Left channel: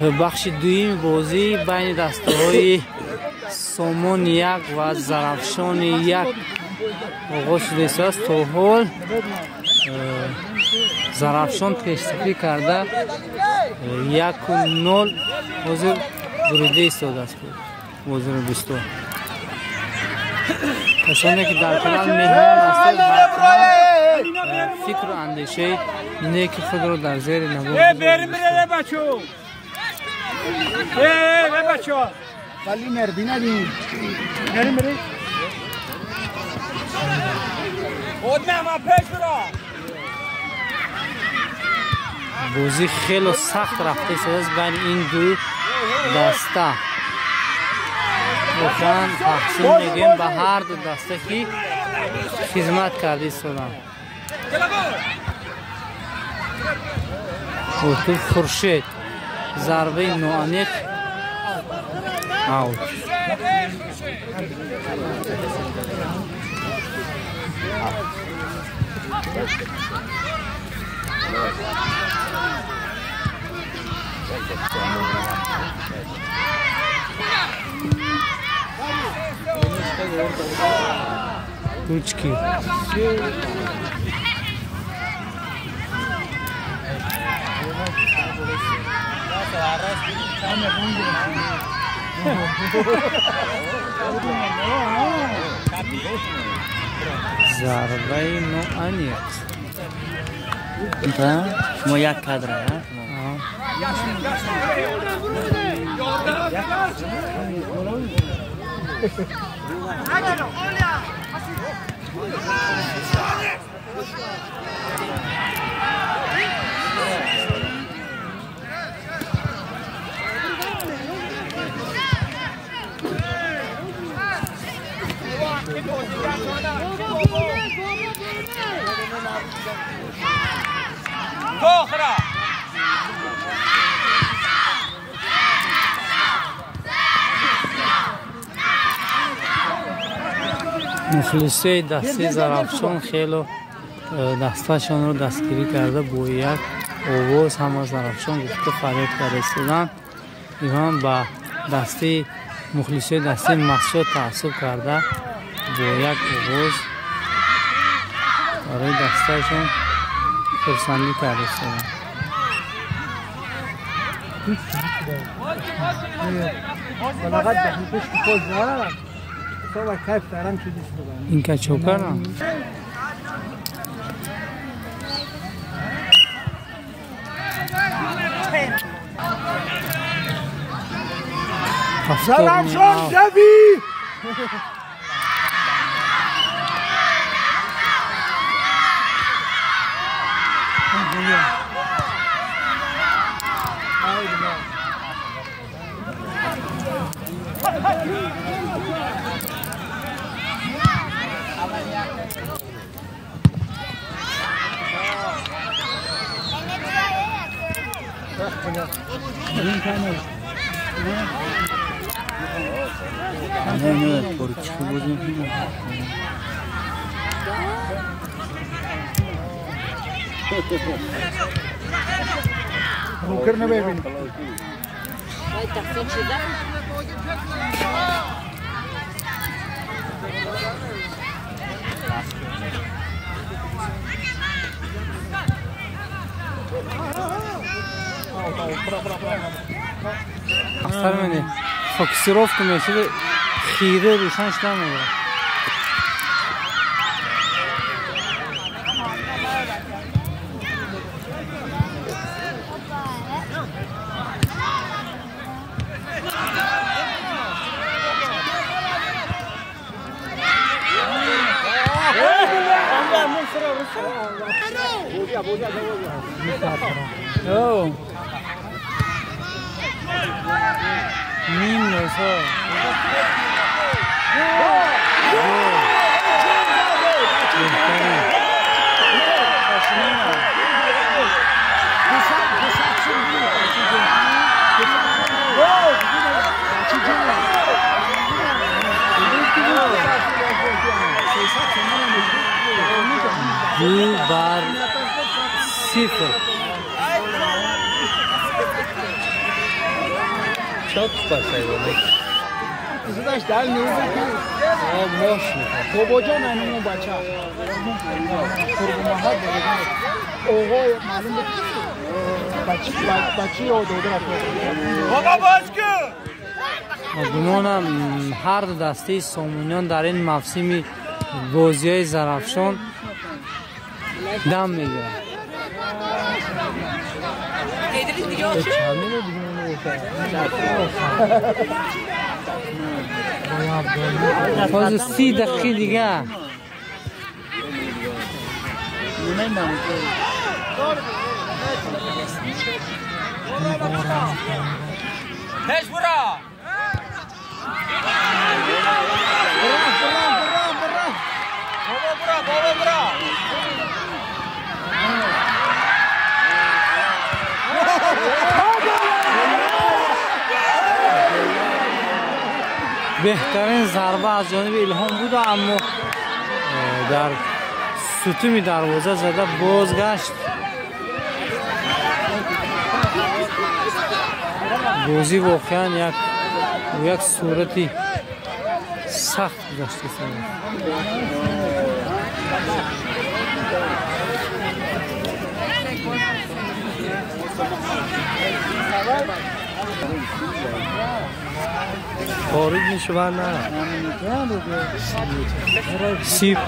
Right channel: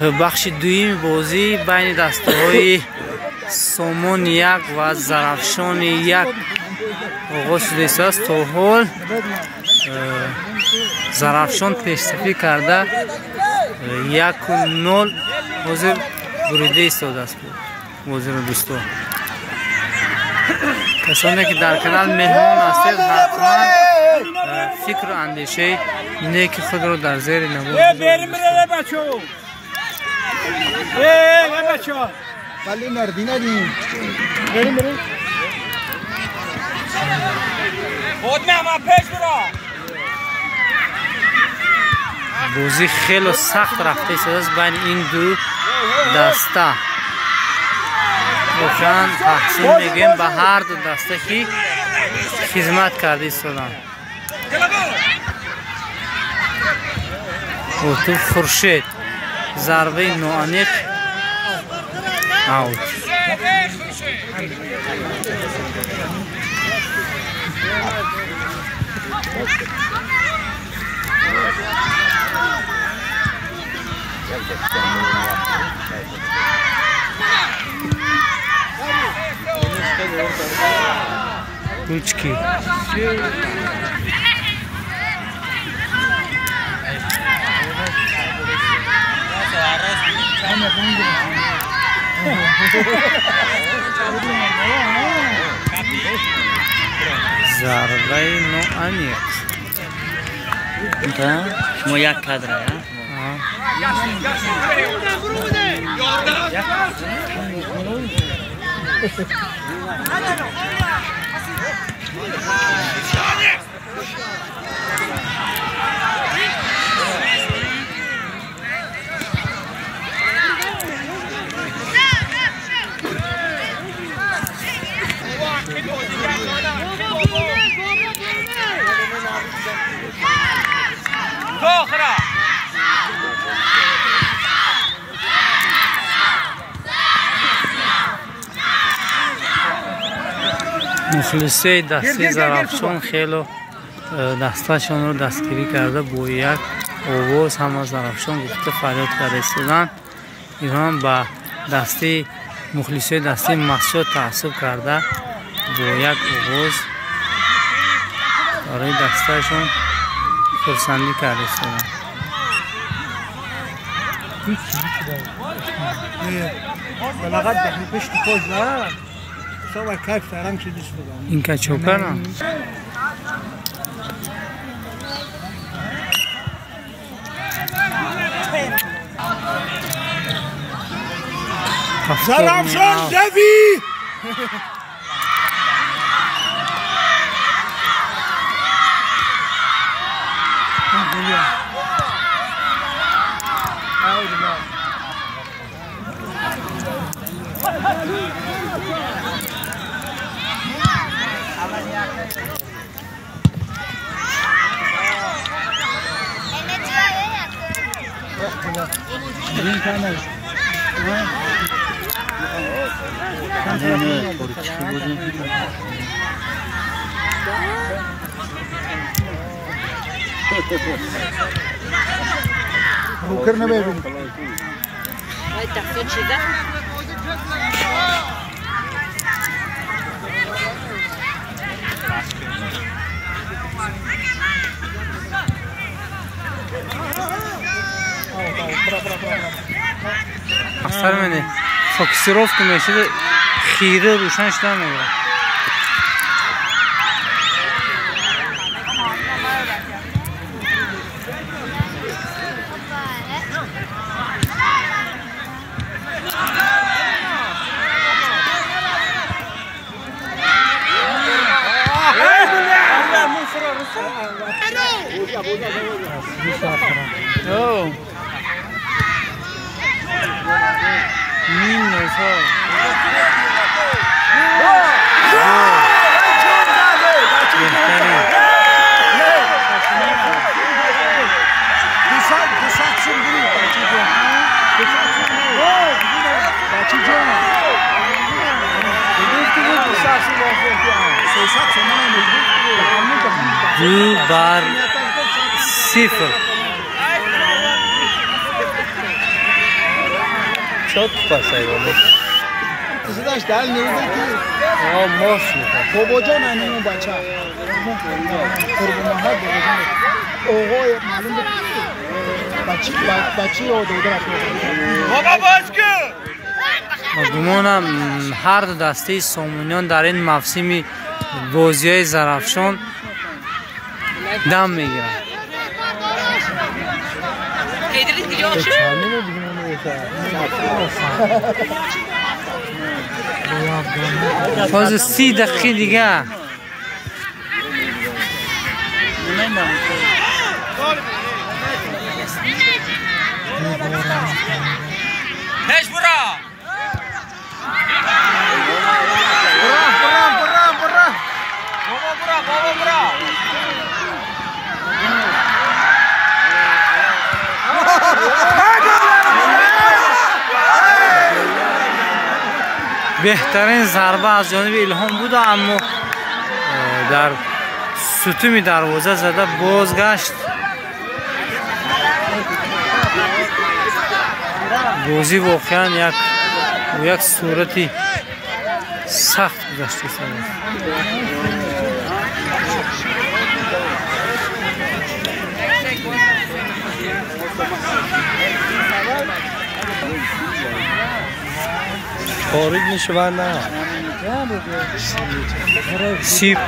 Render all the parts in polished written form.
بخش دویم بازی بین دسته‌های سامان یک و زرافشان یک آغاز شده است. تا حال زرافشان پیشرفت کرده 1-0 حاضر بریده ایستاده است. حاضر دوستان کسانی که در کانال مهمان هستید حتما فکر و اندیشه نیک خود رو در زیر نمود بذارید. بازی خیلی سخت رفته است بین این دو دسته. واقعا تحسین میگیم به هر دو دسته که خدمت کرده ایستادن. و تو خورشید ضربه نوانیق اوت. Ручки. ضربه نوانیق. شما یک کادر مخلصه دسته زرافشان خیلی دستشان رو دستگیری کرده. با یک آواز همه زرافشان گفته فریاد کرده ایستادن. ایران با دسته مخلصه دسته مسعود تعصب کرده. با یک آواز برای دستشان خرسندی کرده ایستادن. بلغت داخل پشت پوز دارم سوار کیف دارم چه دوست دارم این که چوکرم زرافشان دوی ممكن نبيهم هاي تحسين شي ده اثر منه فوکسیروف میشه خیره روشن شده میگه. Oh. دو بار صفر شد پسایی ازش دل نیومد که ماش میکنه بابا جان همین بچه قربون محمد آقای معلوم بچه یا دوده بابا باز که گمانم هر دو دسته سامونیان در این موسم بازی های زرافشان دم میگیرن. باز 30 دقیقه دیگه هش برا بابا بهترین ضربه از جانب الهام بود اما در ستون دروازه زده بازگشت. بازی واقعا یک صورتی سخت گذشته شده. خارج میشه و نه سیب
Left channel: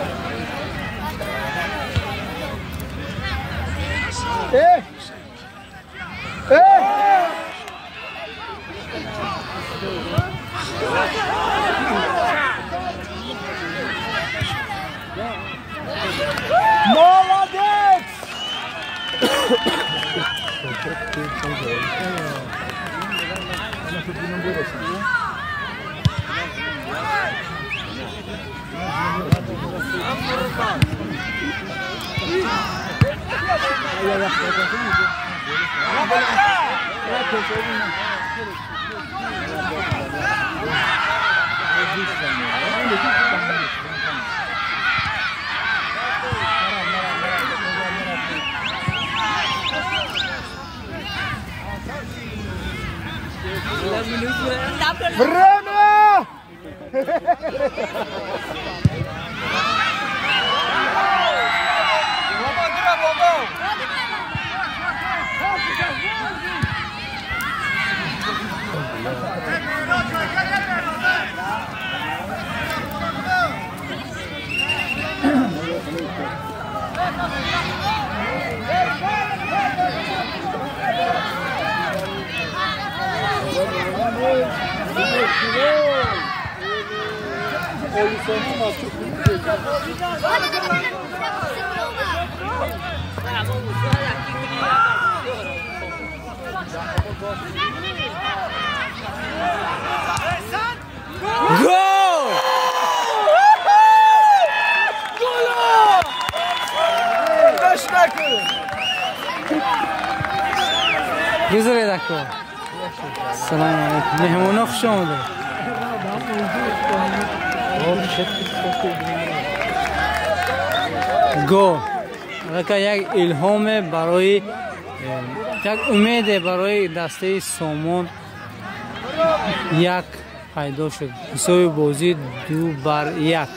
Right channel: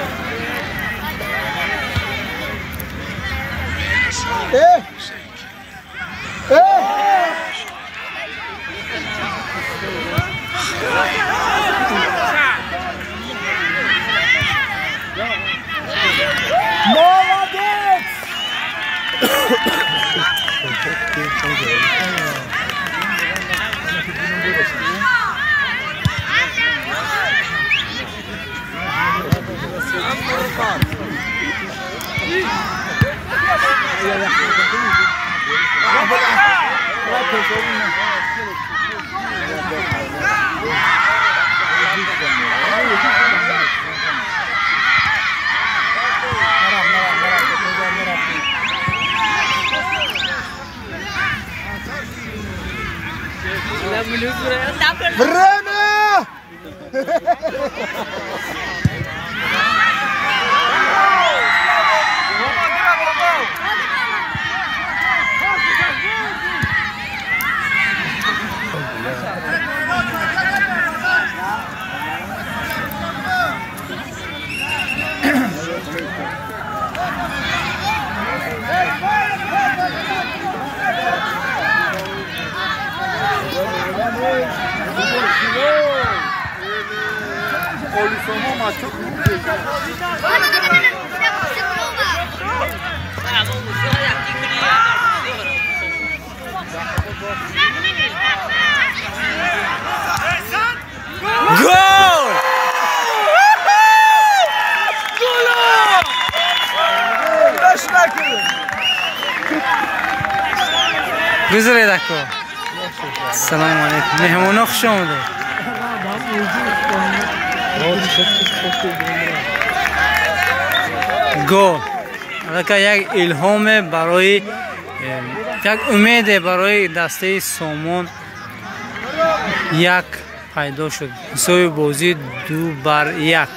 گل! گذره دکو. سلام علیکم. مهمونا خوش آمده. گل. البته یک الهام برای یک امید برای دسته سامان یک پیدا شد. حساب بازی 2-1.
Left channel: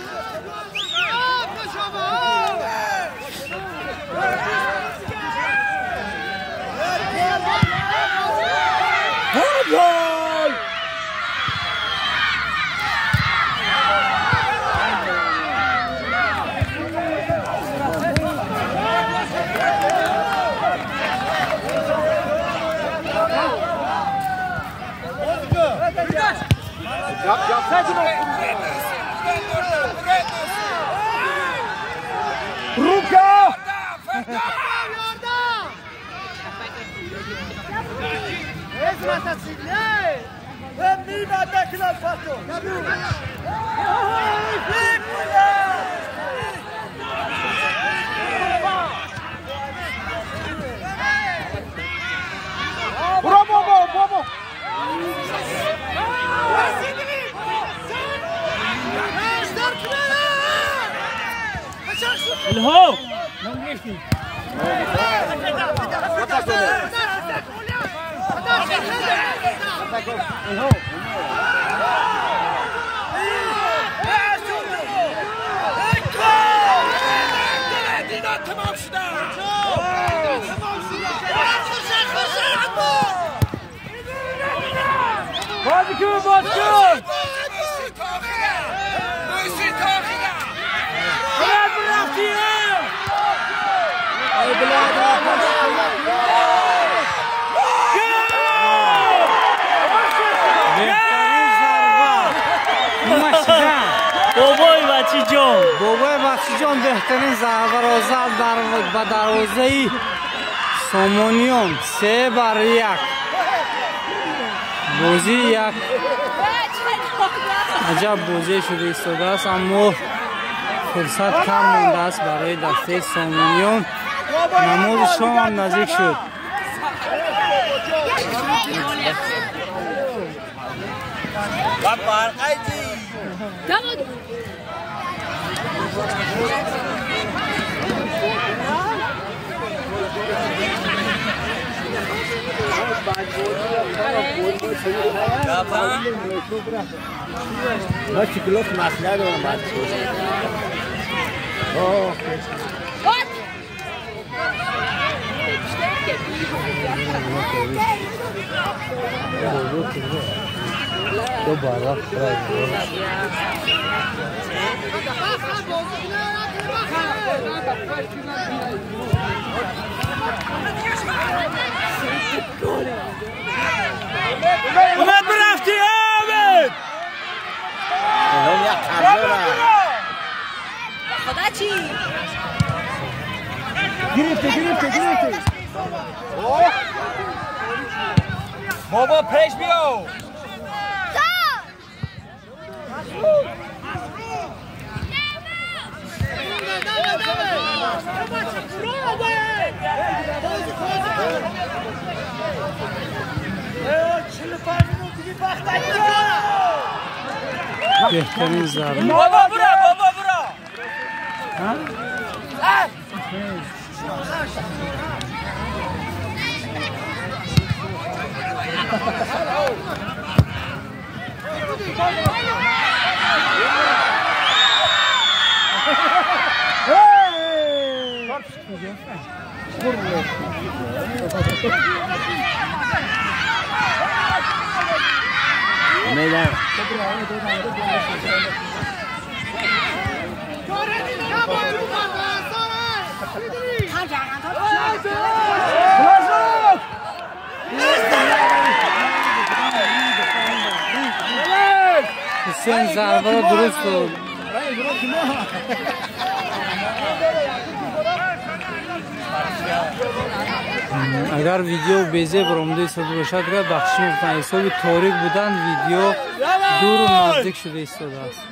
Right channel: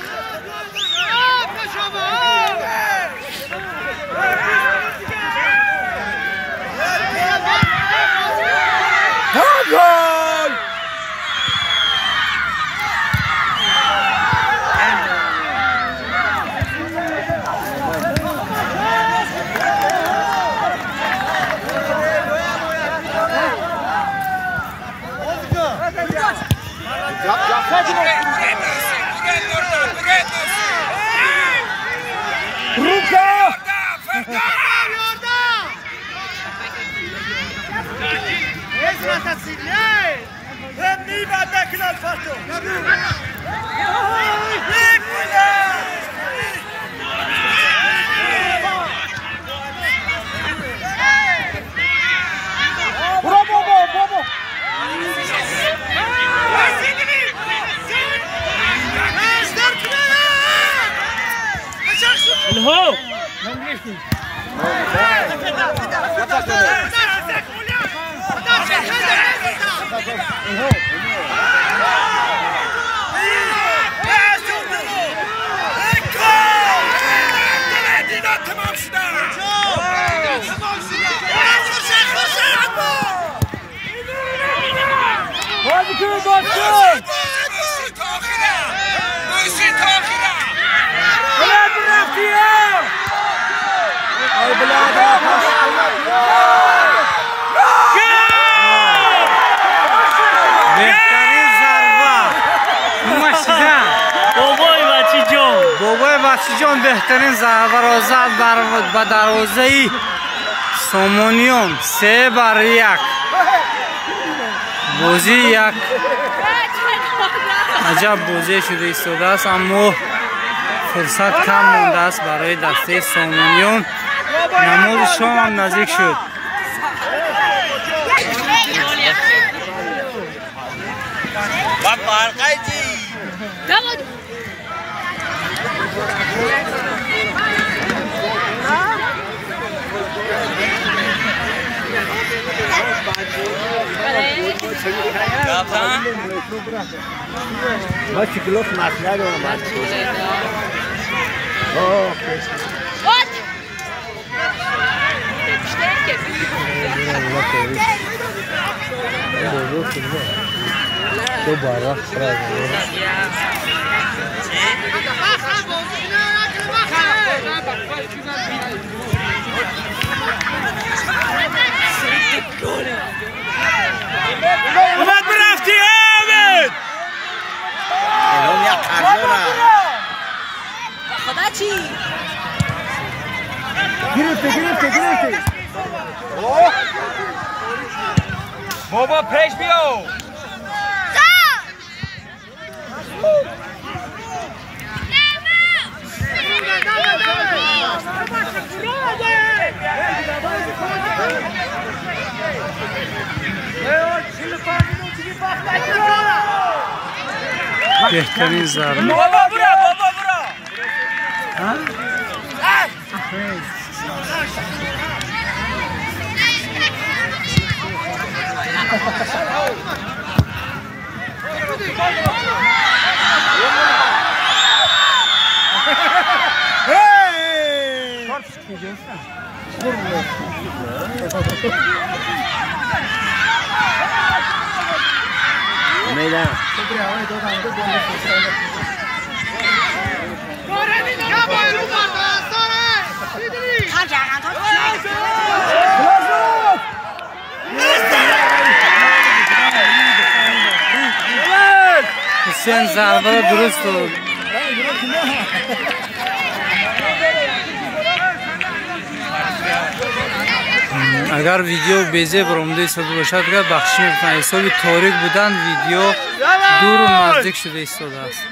بهترین ضربه ماشیدن بابای بچی جان بهترین ضربه را زد به دروازه سامونیوم 3-1 بازی یک عجب بازی شده ایستاده است اما فرصت کم مانده است برای دسته سامونیوم نماز شام هم نزدیک شد ما شکلوف مسئله دارم اومد برفتی آمد الان یک قرضه خدا چی؟ گرفته بابا پیش بیاو بهترین ضربه بابا برا حسین ضربه را درست بود اگر ویدیو بیزه برامده ایستاده باشد که بخشی میکنم حسابی تاریک بودن ویدیو دور و نزدیک شده ایستاده است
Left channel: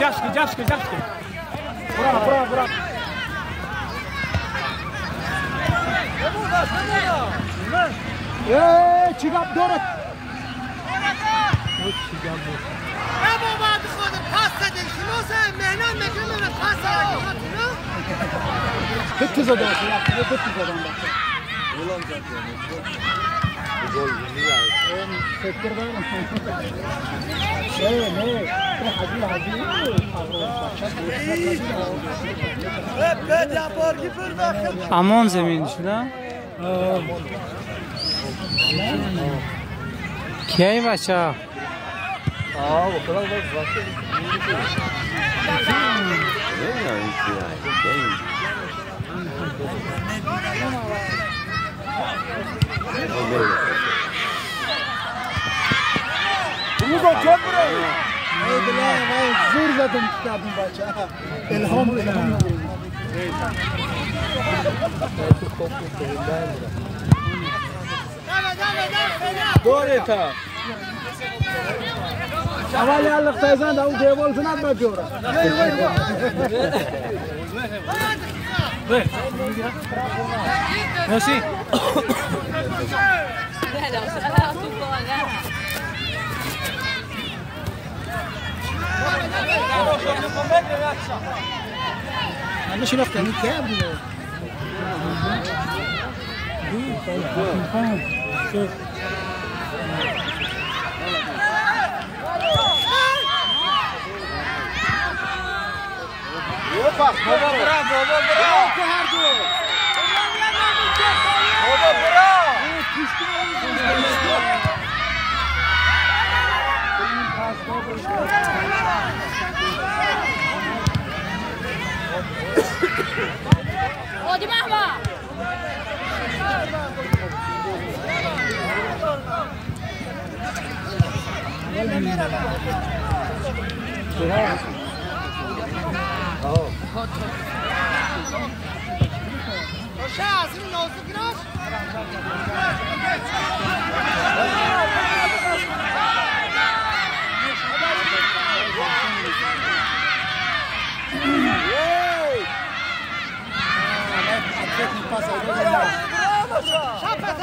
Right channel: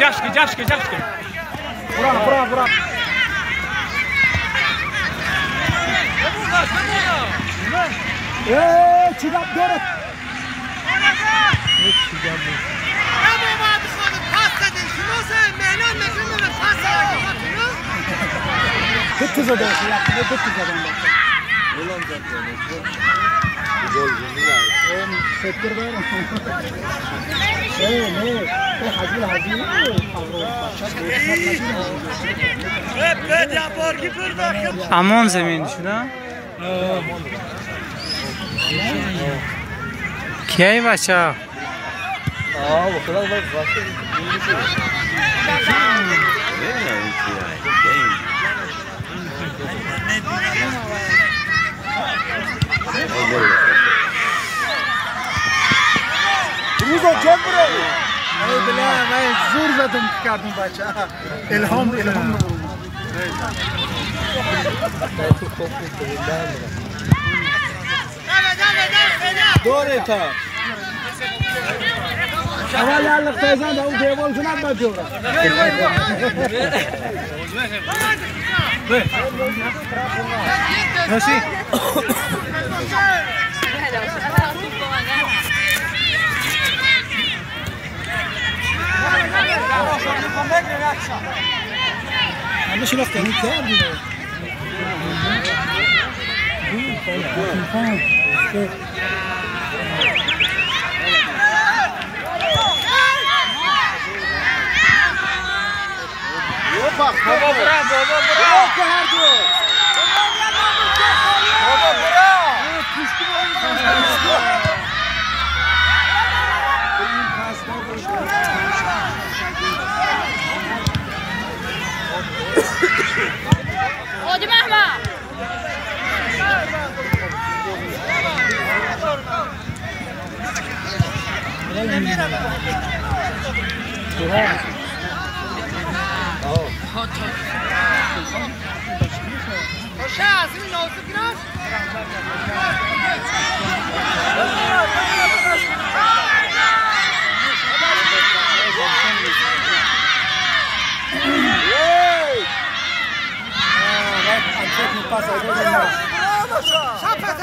جاشكي برا ايه چیکار دارد امان زمین شده کی بچه روزه جا برو ای بله من زور زدم کردم بچه الهام دوره تا اول یالق تیزن دا اون دیوال کنند نجوره ماشي معلش وقت كامل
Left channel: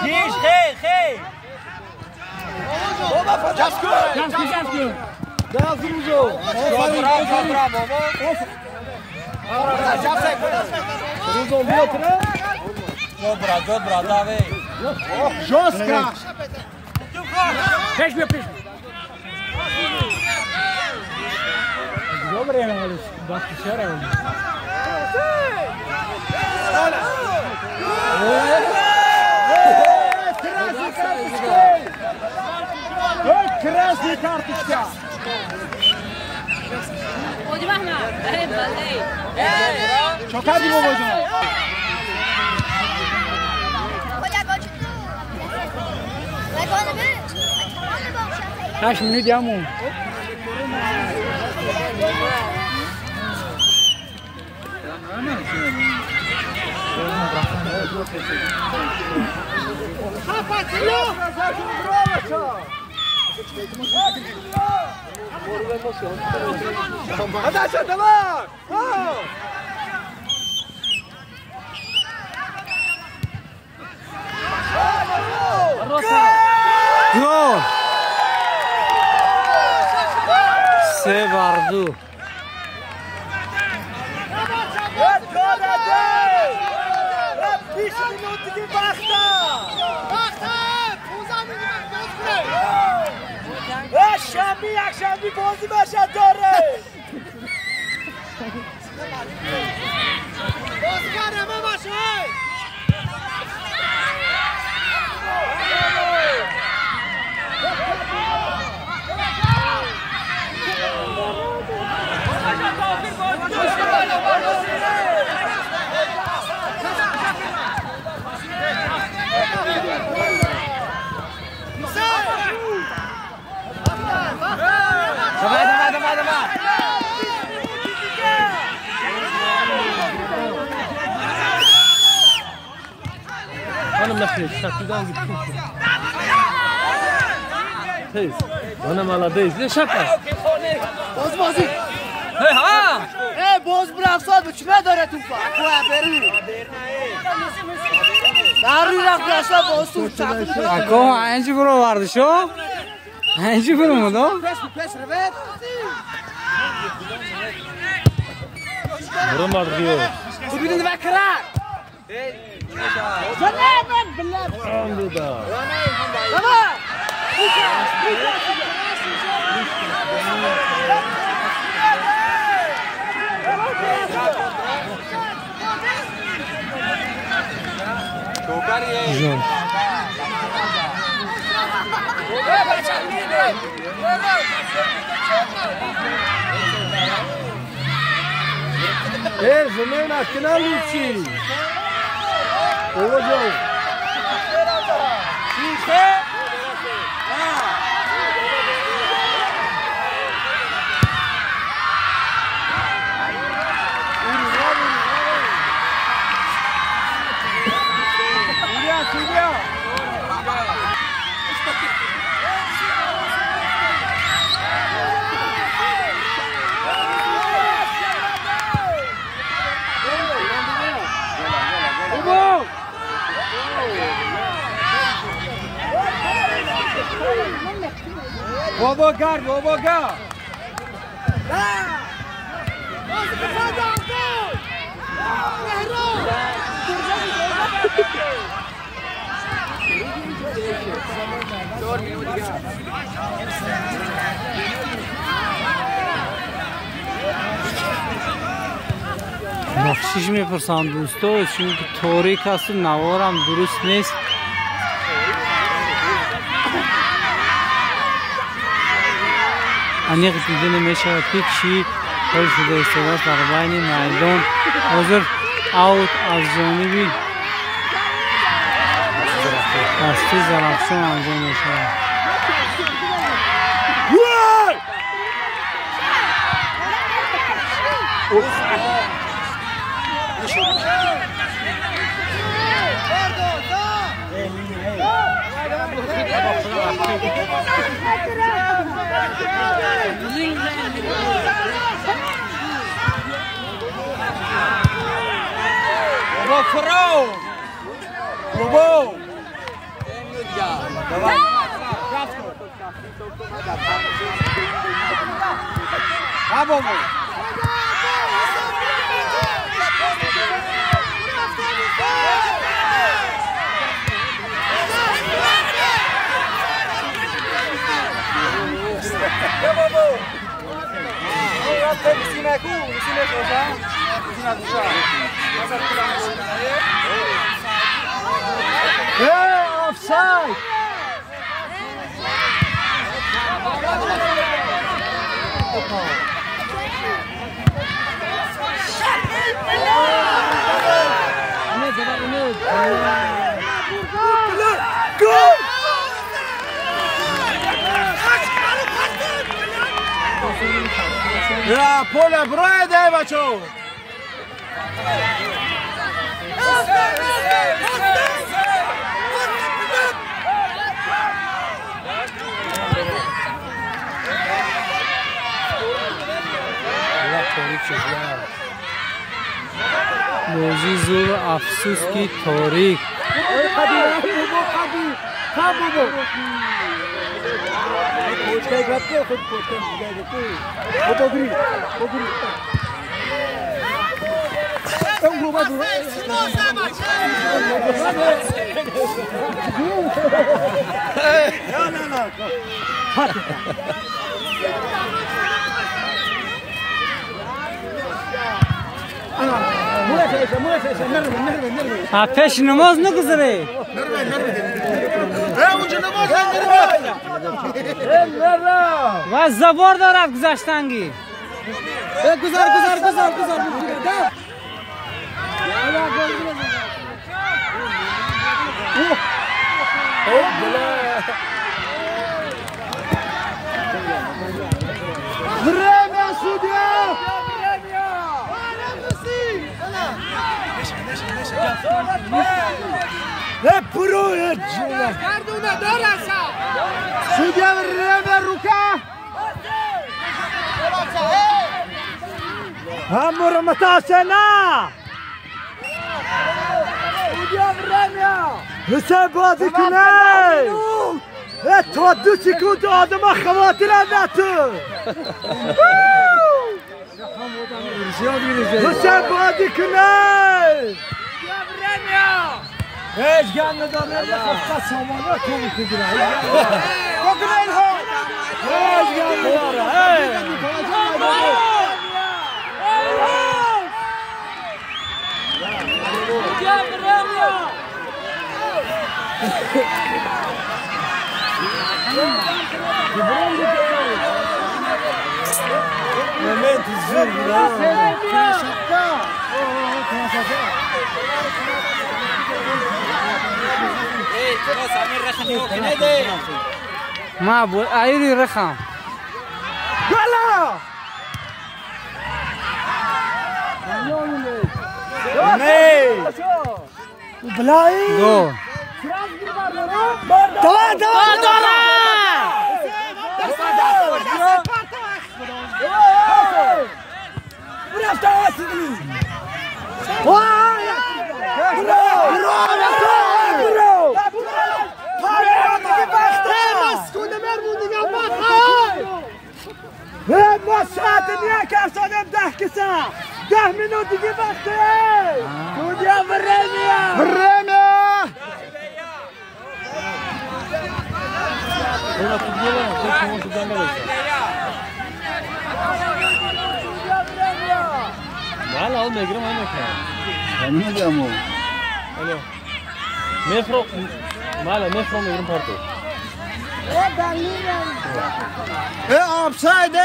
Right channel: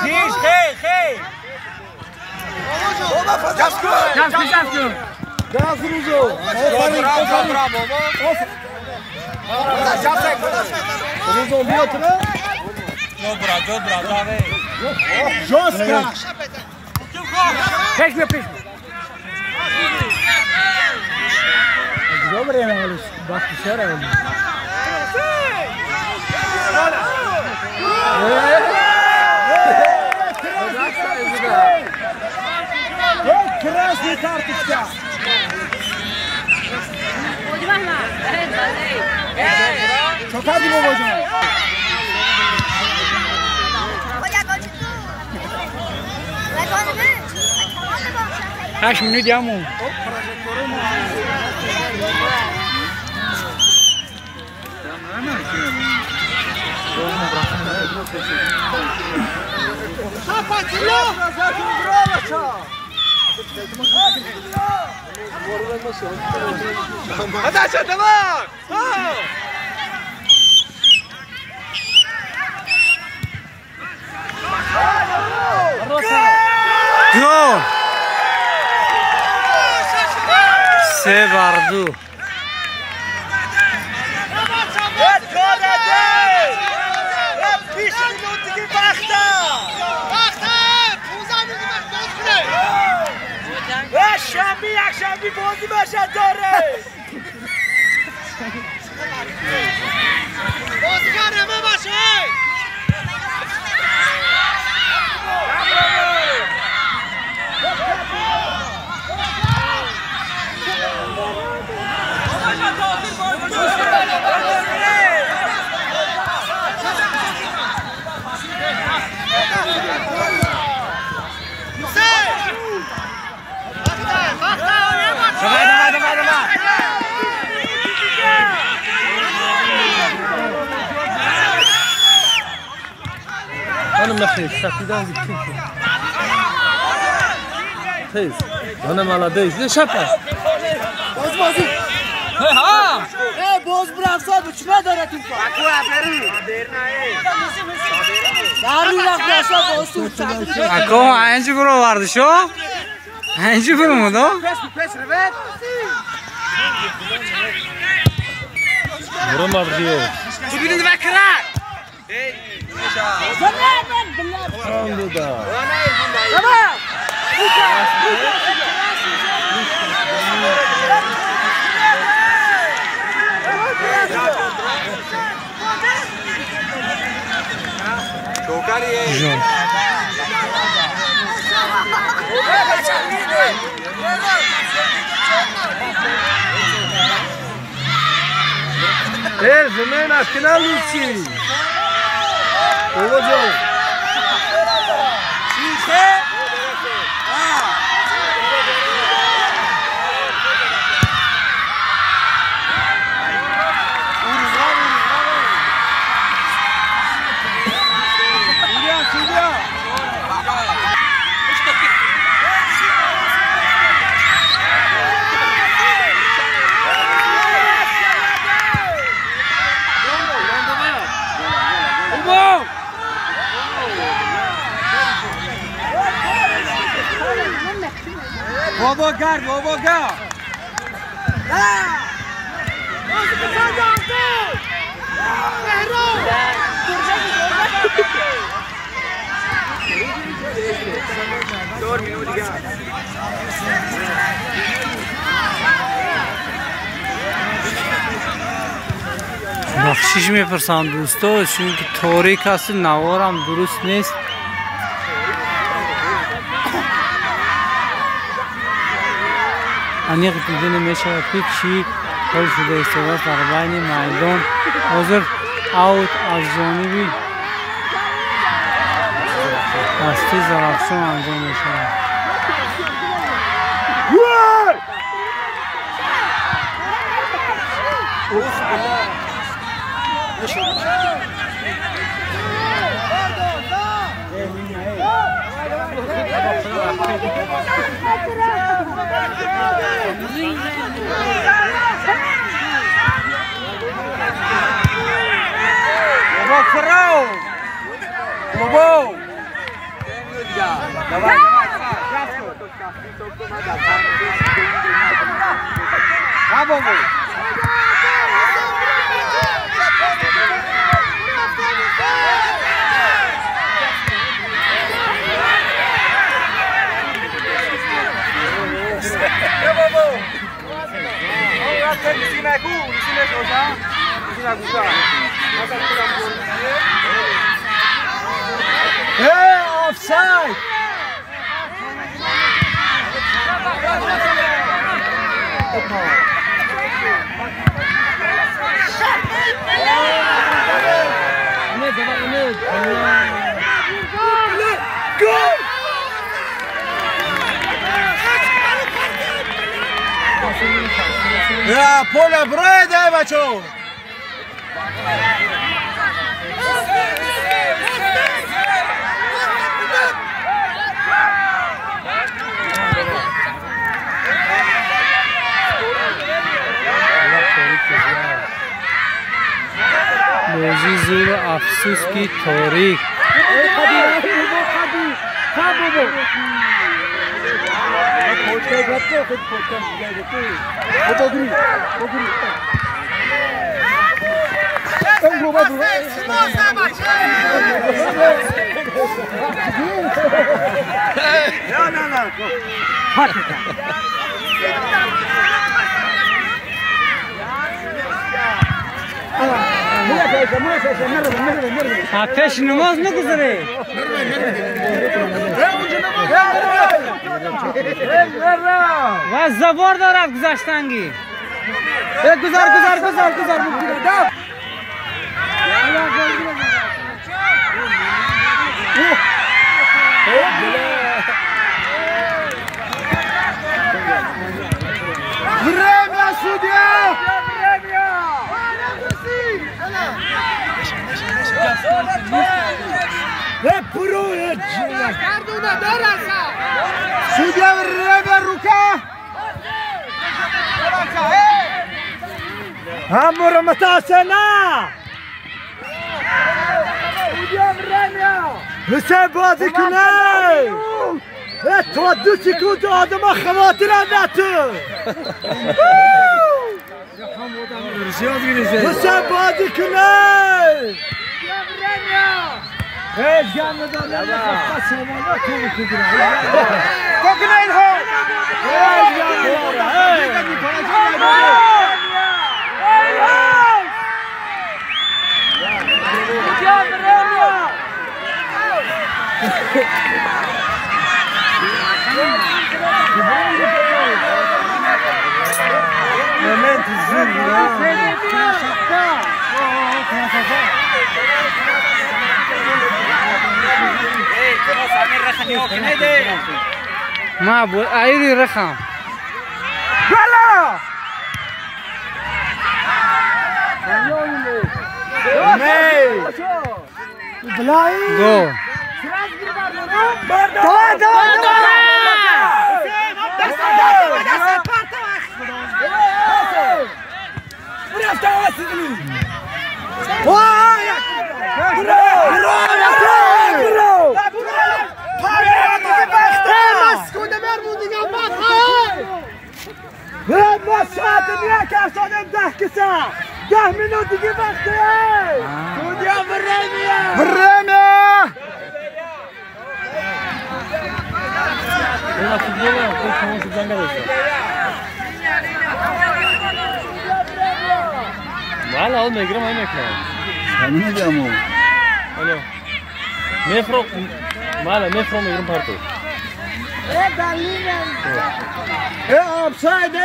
Giz, hey! Jamsku! Gazınızı! Bravo! Ruzo bir oturun. Dobra, dawaj! Жестко! Пешми! Добре, Алис, бахти сера. Красная карточка! Чакади мо божа. Kaç minut ya mu? Gol! Sevardu. شنبی بازی بشه داره بازیگر همه باشه Давай! أنا مخيف شكلي جبت خيس أنا مالديش ليش شكل باز هی ها باز برا صاحب چه نداره تو فاکو بری داری رفت اصلا باز تو Ako aynı bro vardı şu. Aynı bro mu da? پس رفت برو مردیو ببینید وکرک Jol. زمین اتکنه لوچی اوه جو شیشه بابا گرد بابا گرد بخشش میپرسم دوستا چون که تاریک هست نوارم درست نیست. انیق دیده نمیشود که چی حال شده ایستاده در بین میدان. حاضر اوت از جانبی دسته زرافشان انجام میشود. offside. Ja, pole brede, baccio! بازی زور افسوس کی تاریخ پیش نماز نگذاره و زبار دارد گذاشتنگی گذار همور متاسنا حسین بازی کنه تو دو سکوت آدم خواتر اندتو حسین بازی کنه هیچ گم نداره نخواه سامانه کنی کدره کدره این ها هیچ گم نداره momento ما ابو ايري رخام يلا بلاي جو Para! ما ساعت یک ارسانم 10 کسا 10 منوت دیگه وقته دنیا برمیا Valla oğlum ekran aynı ekran. همین دمو Öyle. Metro, valla metro mu ekran parto. آفساید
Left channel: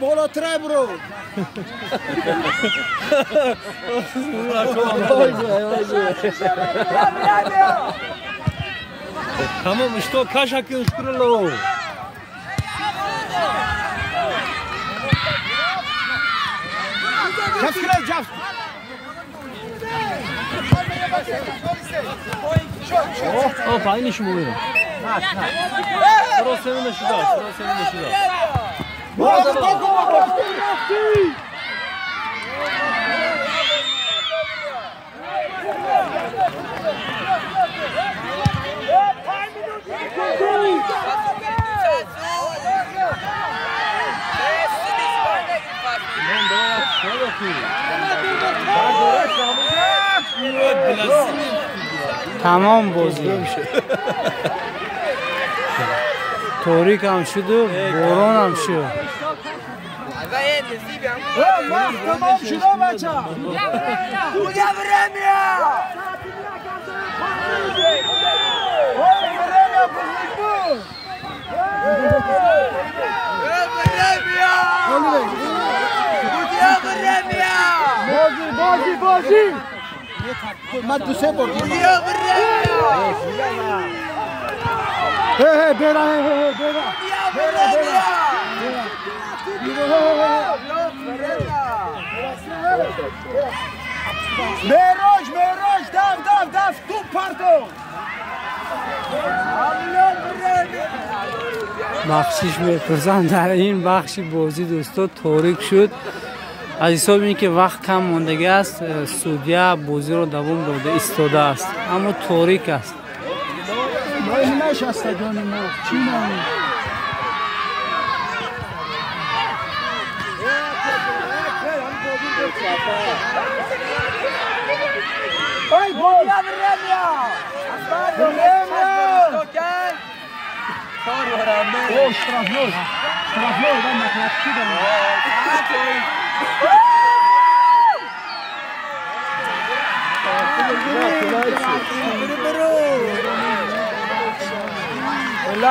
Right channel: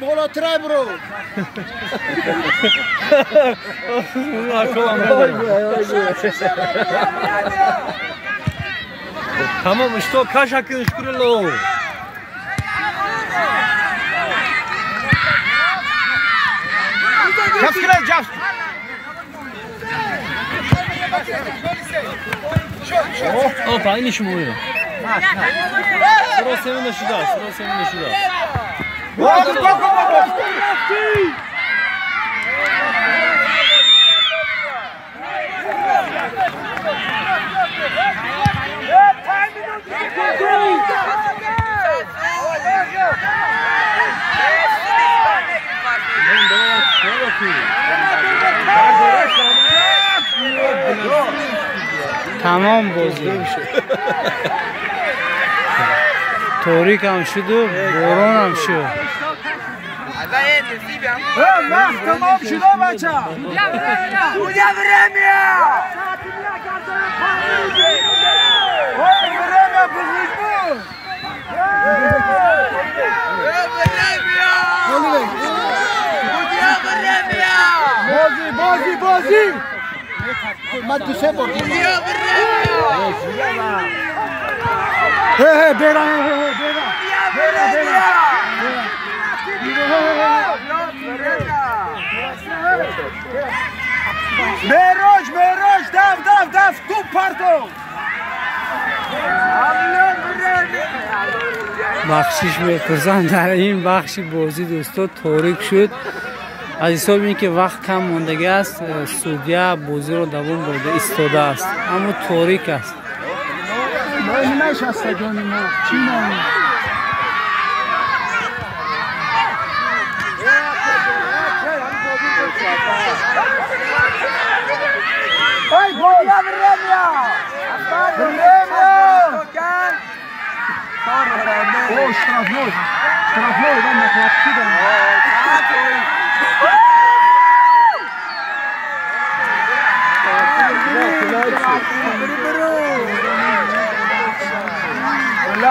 بالاتر برو Tamam işte o kaç hakkını şükürler. جفت جفت O aynı işim oluyor. Sıra senin de şurada, sıra senin de şurada. Tamam bozdu. Torik هم شد و باران هم شد. تمام شده بچه بویا برمیا بازی من دو سه بار برا مهراج دف تو پرتو بخشش میپرسن در این بخشی بازی دوستا تاریک شد. از حساب این که وقت کم ماندگی است سعودیه بازی رو دوام داده ایستاده است اما تاریک است. نمیش است جانی ما چی نمی ای بویا برمیا او شرافنوز من مطلب شدم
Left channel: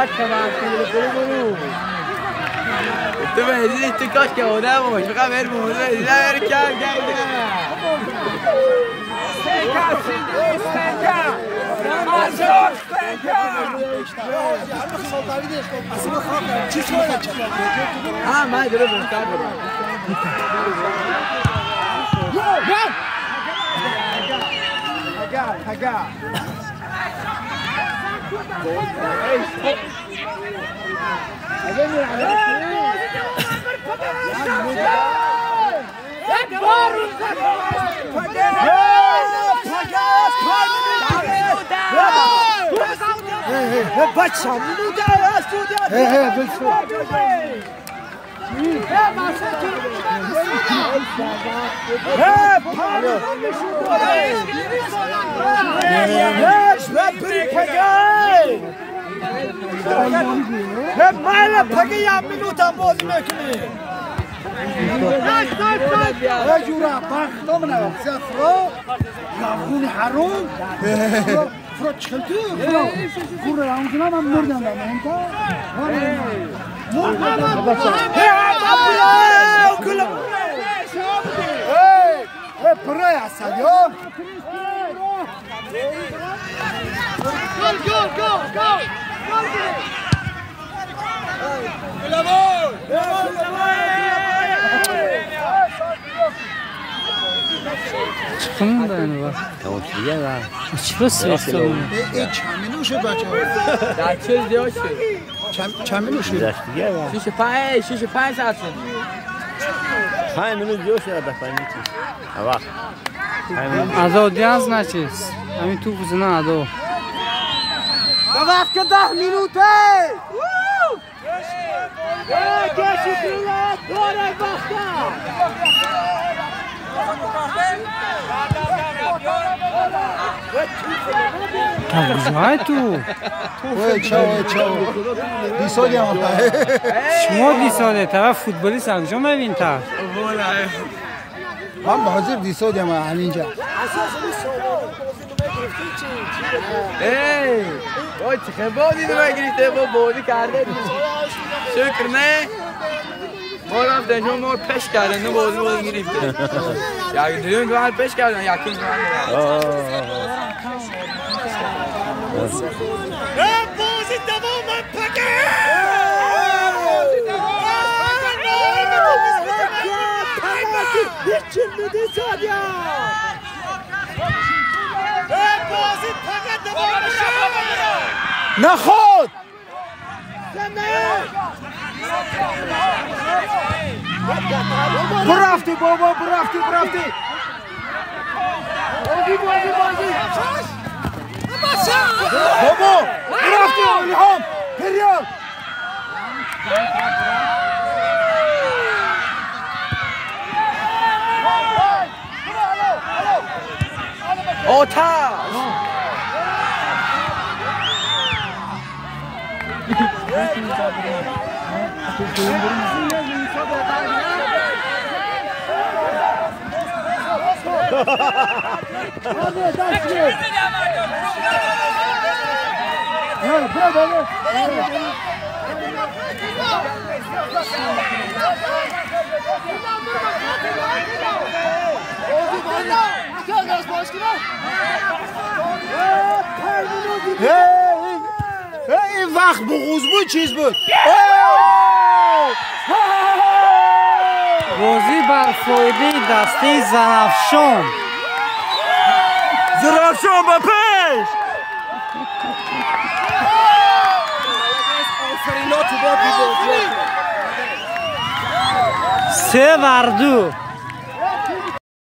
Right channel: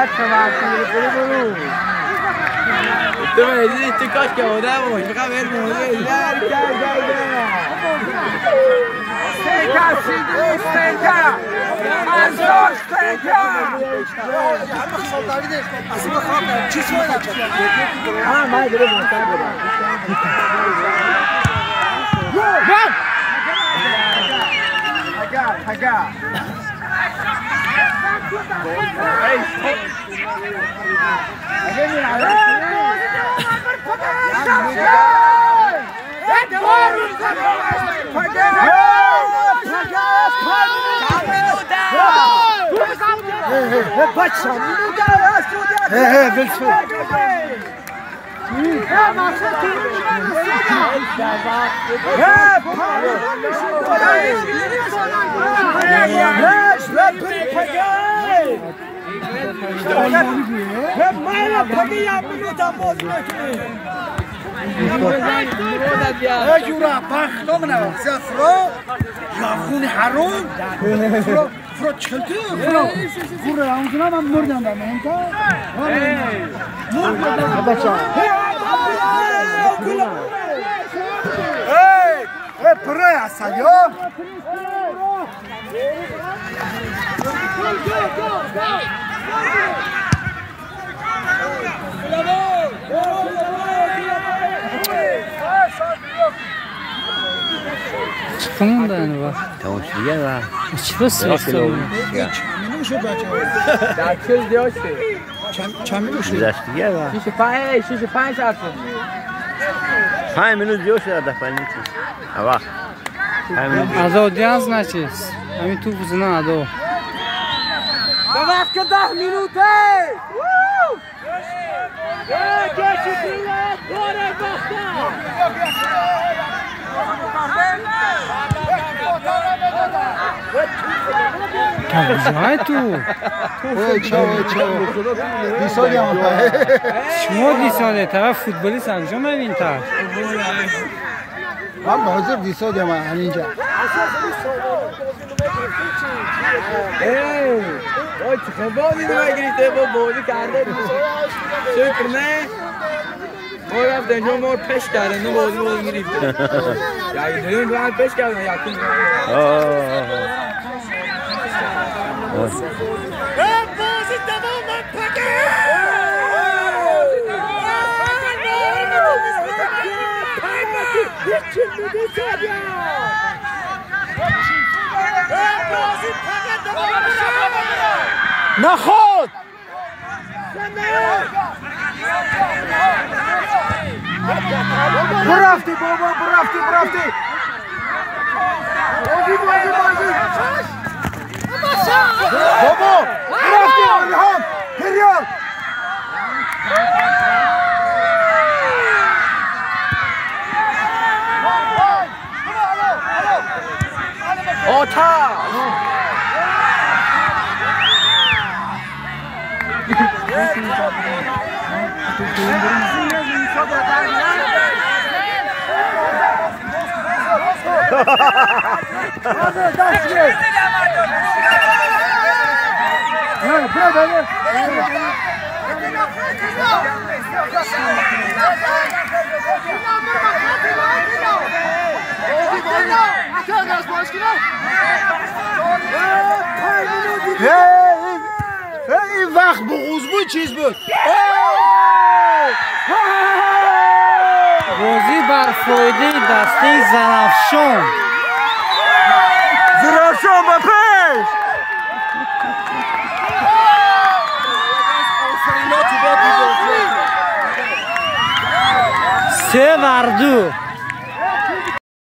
انت ما هذه تكاش كهذا مش بقى غير موزه لا رجال çıkın da yani bak. Tamam ya var. Çıkı sırası mı? چمنو شد بچه در چه دیاشه چمنو شد دیگه var. 6-5 ساعت شد 5 minut دیاشه در 5 minut. هوا. از آدیانس نچیز. همین تو بزنه ادو. وقت 10 minute. کجای تو؟ شما 20 ساله طرف فوتبالیست انجام بدین طرف من بازی 20 ساله من همینجا وای چه بازی نمیگیریده با بازی کرده شکر نه ما رفتن شما ما پش کردن نه بازی گرفته یکی دیگه دو پش کردن یکی نخود برافتی بابا برافتی بازی بابا برافتی ریحان پریان آتش این وقت بغوز بود چیز بود بازی بر فایده دسته زرافشان با پس 3-2